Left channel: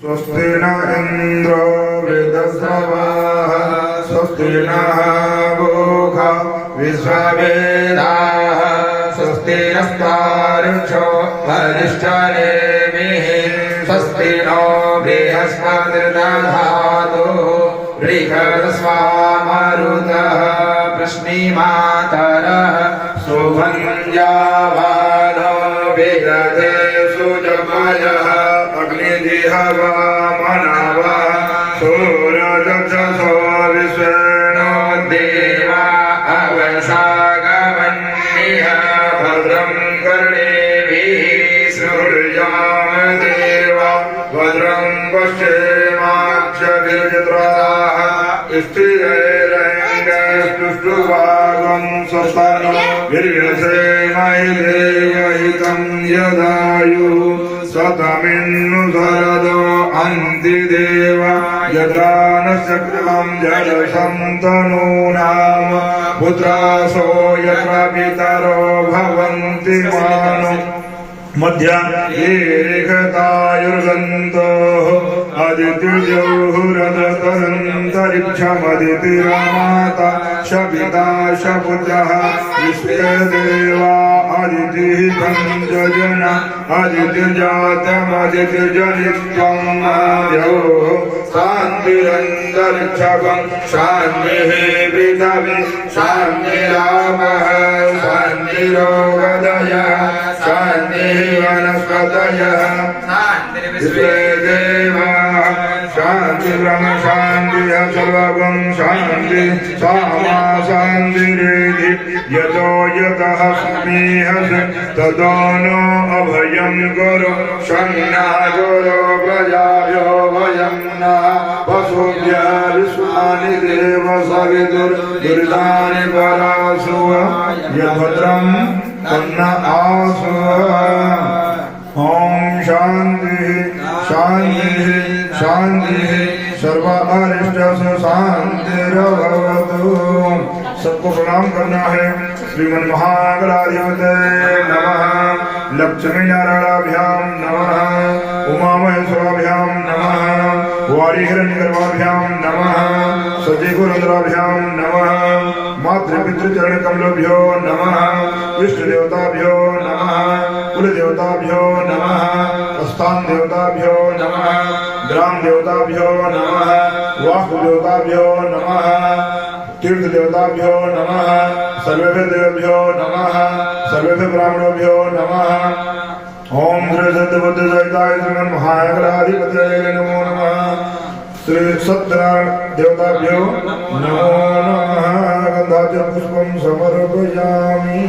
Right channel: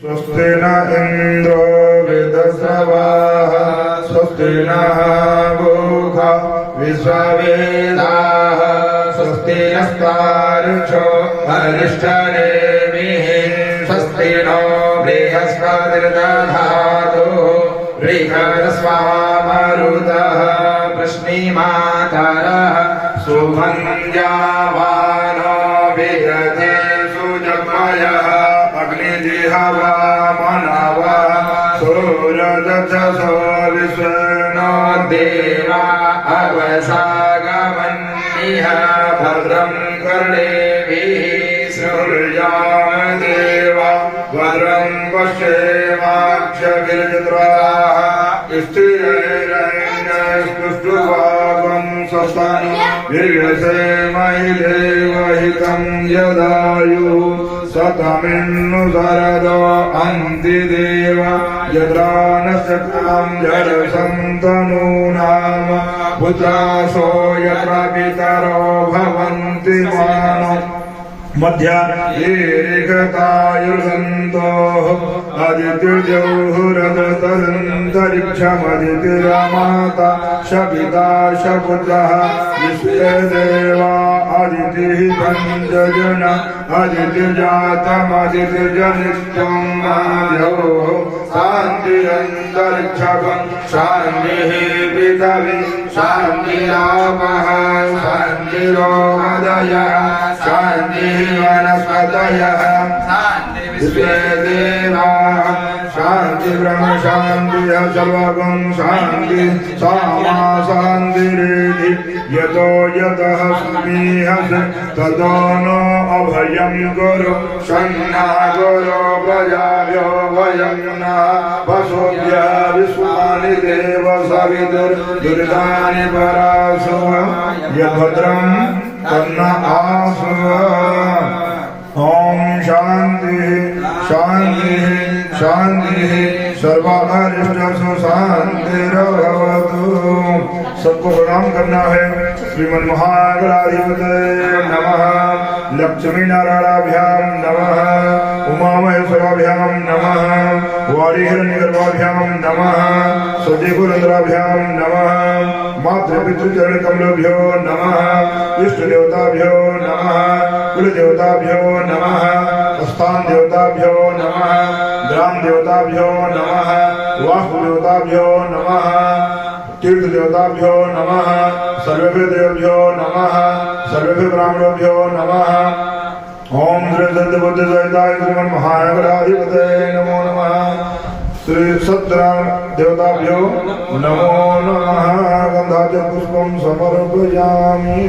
स्वस्ति न इंद्रो वृद्धश्रवाः स्वस्ति नः पूषा विश्ववेदाः स्वस्ति नस्तार्क्ष्यो अरिष्टनेमिः स्वस्ति नो बृहस्पतिर्दधातु बृहस्पतिर्मरुतः प्रश्निमातरः सुभञ्जावानो विदधे सुजमयः अग्निजिह्वा मनवः सूरजक्षसो विष्णो देवा अवसागमन्निह भद्रं कर्णेभिः शृणुयामदेवा भद्रं पश्येमाक्षभिर्जत्राः स्थिरैरङ्गस्तुष्टुवागं स्वस्तानु वीर्यसेमहि देवहितं यदायुः सतमिन्नु शरदो अन्तिदेव यत्रा न शक्तं जडसन्तनूनां पुत्रासो यत्र पितरो भवन्ति मानो मध्या ये रेखतायुर्सन्तोः अदितिर्जौहुरदन्तरिक्षमदितिरमाता शपिता शपुत्रः विश्वेदेवा अदितिः पञ्चजन अदितिर्जातमदितिर्जनित्यं माधवो शान्तिरन्तरिक्षकं शान्तिः पृथिवी शान्तिरापः शान्तिरोदयः शान्तिः वनस्पतयः विश्वेदेवा शांति ब्रह्म शांति सर्वगं शांति सामा शांतिरेधि यतो यतः स्नेहस ततो नो अभयं गुरु संज्ञा गुरु प्रजाभ्यो भयं न वसुभ्यः विश्वानि देव सवितुर्दुरितानि परासु यद्भद्रं तन्न आसु ओम शांति शांति शांति सर्व अरिष्टसु शांतिर्भवतु। सबको प्रणाम करना है। श्रीमन महागणाधिपतये नमः, लक्ष्मी नारायणाभ्याम नमः, उमा महेश्वराभ्याम नमः, वारी हिरण्यगर्भाभ्याम नमः, सजीवरंध्राभ्याम नमः, मातृपितृचरण कमलोभ्यो नमः, इष्ट देवताभ्यो नमः, कुल देवताभ्यो नमः, स्थान देवताभ्यो नमः, ग्राम देवताभ्यो नमः, वास्तु देवताभ्यो नमः, तीर्थ देवताभ्यो नमः, सर्वेभ्यो देवभ्यो नमः, सर्वेभ्यो ब्राह्मणोभ्यो नमः। ओम श्री सत्यबुद्ध सहिताय श्रीमन महागणाधिपतये नमो नमः। श्री सत्यनारायण देवताभ्यो नमो नमः। गंधाचल पुष्पं समर्पयामि।